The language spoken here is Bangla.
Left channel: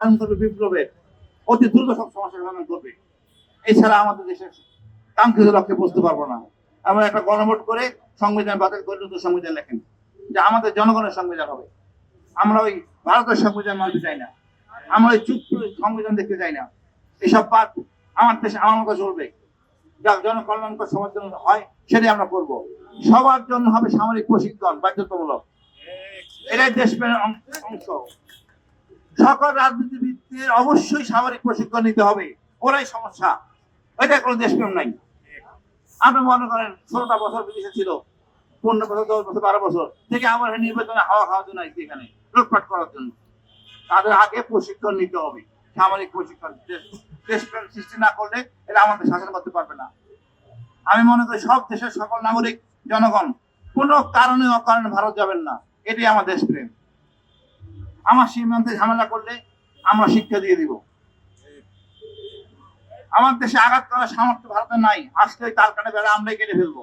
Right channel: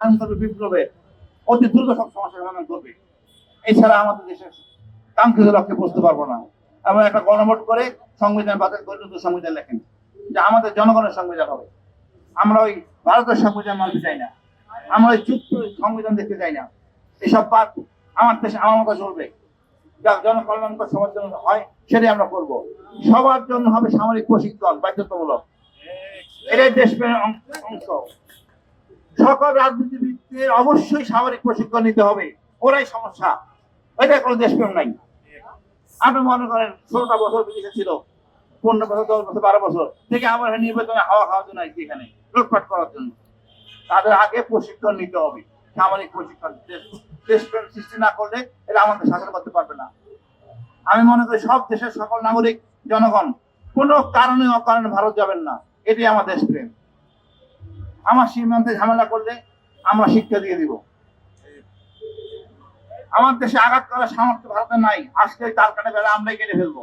করবে বিপ্লবে, অতি দ্রুত সব সমস্যার সমাধান করবে। এছাড়া আমাদের দেশের কাঙ্ক্ষিত লক্ষ্যে বুঝতে পারবো না। আমরা একটা গণভোট করে সংবিধান বাতিল করে নতুন সংবিধান লেখেন, যে আমাদের জনগণের সংবিধান হবে। আমরা ওই ভারতের সংবিধান মানতে চাই না, আমরা ওই চুপ সংবিধান দেখতে চাই না। এসব বাদ, আমার দেশে আমার মতো চলবে, যা জনকল্যাণকর সবার জন্য হয় সেটাই আমরা করব। সবার জন্য হবে সামরিক প্রশিক্ষণ বাধ্যতামূলক, এটাই দেশপ্রেমের অংশ। সকল রাজনীতিবিদদের অবশ্যই সামরিক প্রশিক্ষণ নিতে হবে, ওরাই সমস্যা, এটাই কোনো দেশপ্রেম নাই। আপনি মনে করেন 16টা বছর বিদেশে ছিল, 15 বছর, 10 বছর, 12 বছর থেকে আমার নির্বাচনে হাওয়া খাওয়ার জন্য আসছে এখানে লুটপাট করার জন্য। তাদের আগে প্রশিক্ষণ নিতে হবে, সামরিক প্রশিক্ষণ। দেশপ্রেম সৃষ্টি না করলে এরা আমাদের শাসন করতে পারবে না। আমি মনে করি সব দেশের সকল নাগরিক জনগণ কোনো কারণে অকারণে ভারত যাবেন না, এটাই আমার দেশপ্রেম। আমার সীমান্তে ঝামেলা করলে আমরা শিক্ষা দিয়ে দিব। আমার দেশে আঘাত করার সামর্থ্য ভারতের নাই, আজকে কারখানা বেড়া আমরাই কেটে ফেলবো।